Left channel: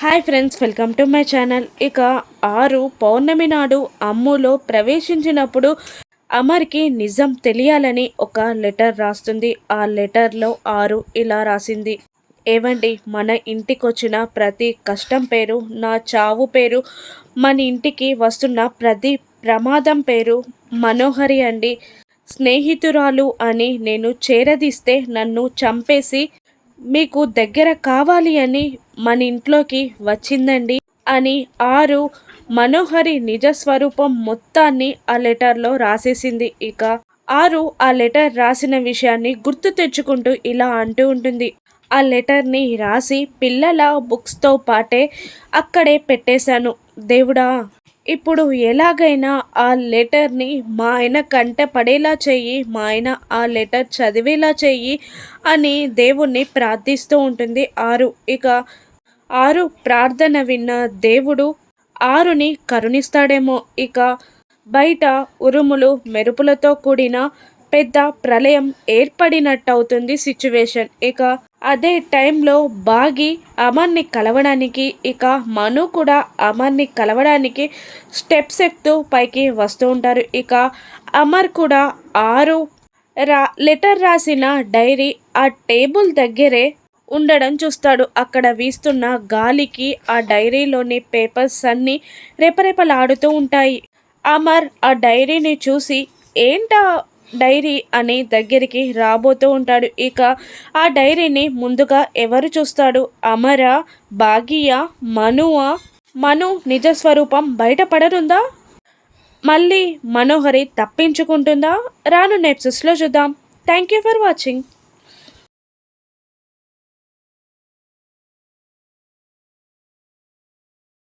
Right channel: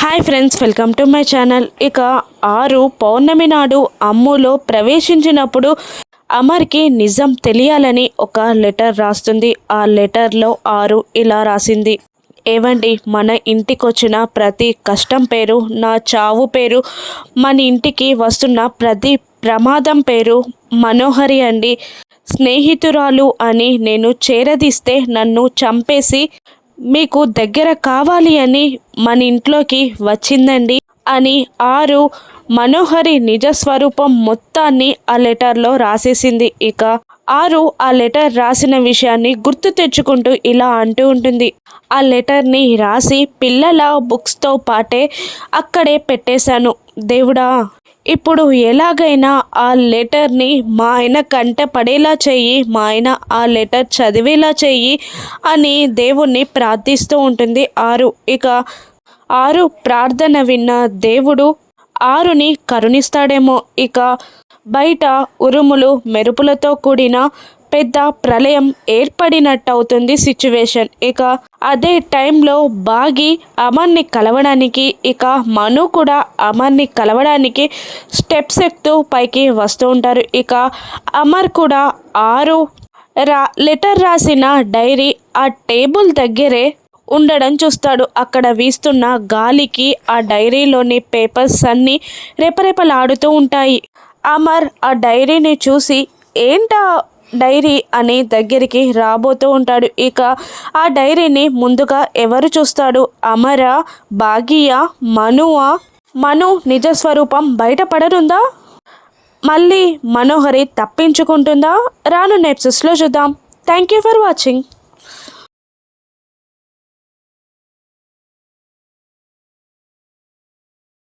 Hi friends, welcome to my channel. ఇక ఆరు పౌర్ణమి నాడు అమ్ములో ప్రవేశించినప్పుడు అమర్కి నిజం తెలియాలని ఒక లెటర్ రాస్తుంది. ఆ లెటర్లో ఆరు ఇలా రాసింది: ఏవండి, మన ఇంటికి వచ్చిన ప్రతి కష్టం పేరు నా చావు పేరు, మన ఇంటికి వస్తున్న ప్రతి ప్రమాదం పేరు మనోహరి అండి. స్నేహితురాలు అని నేను చేరదీస్తే నన్ను చంపేసి మీకు దగ్గర కావాలి అని మన ఇంట్లోకి వచ్చిందండి అని ఆరు మనోహరి నిజస్వరూపం మొత్తాన్ని ఆ లెటర్లో రాసేసింది. ఇక ఆరు ఆ లెటర్ రాసిన విషయాన్ని గుర్తు తెచ్చుకుంటూ ఇలా అంటూ ఉంటుంది: ఆ లెటర్ని రాసి పిల్లల బుక్స్తో పాటే అక్కడే పెట్టేశాను. దేవుడా, ఇప్పుడు ఎలాగైనా ఆ లెటర్ని మా ఆయన కంట పడేలా చెయ్యి, మా ఆయన ఆ లెటర్ చదివేలా చెయ్యి అని దేవుణ్ణి ప్రార్థిస్తూ ఉంటుంది ఆరు. ఇక ఆరు ప్రార్థన విన్న దేవుడు ఆరుని కరుణిస్తాడేమో. ఇక బయట ఉరుములు మెరుపులతో కూడిన పెద్ద ప్రళయం ఏర్పడినట్టవుతుంది సిచ్యువేషన్. ఇక అదే టైంలో బాగి అమర్ని కలవడానికి, ఇక మను కూడా అమర్ని కలవడానికి స్టెప్స్ ఎక్కుతూ పైకి వస్తూ ఉంటారు. ఇక అమర్ కూడా ఆరు లెటర్ రాసిన డైరీ ఆ టేబుల్ దగ్గరే ఉండడం చూస్తాడు. అక్కడ వీస్తున్న గాలికి ఆ డైరీలోని పేపర్స్ అన్నీ రెపరెపలాడుతూ ఉంటాయి. అమర్ ఆ డైరీని చూసి ఏంటా డైరీ అని దగ్గరికి రాబోతూ ఉంటాడు. ఇక ఆ డైరీని ముందుగా ఎవరు చూస్తాడు? అమరా, భాగియా, మనువా? మను నిజస్వరూపం బయటపడనుందా? మళ్ళీ మనోహరి తప్పించుకుంటుందా? రాను ఎపిసోడ్స్లో చూద్దాం. Thank you for watching.